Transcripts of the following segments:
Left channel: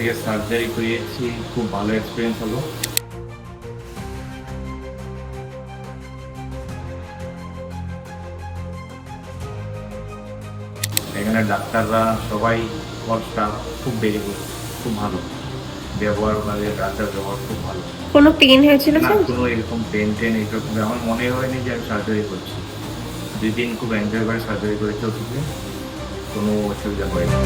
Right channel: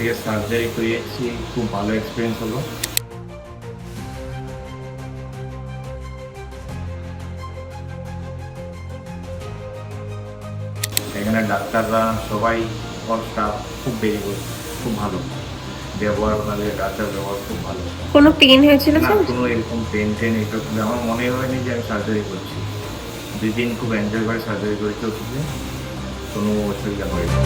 থেকে সার্জারি করিয়েছি, খুব ভালো এক্সপিরিয়েন্স হলো। এখানে ডাক্তাররা সবাই, অল স্টাফ খুব ভেরি গুড, খুব ভালো ব্যবহার, ওনাদের ডাক্তার ব্যবহার খুব ভালো। কোনো পেন হয়েছিল না, স্যার? কোনো এরকম পেন টেন এসব আমার মনে হয়নি যে আমি সার্জারি করছি। 2 দিন খুব এনজয় করে সার্জারি করেছি, ওটিতে কোনো অসুবিধা হয়নি।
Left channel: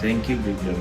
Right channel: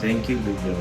Thank you Biplab.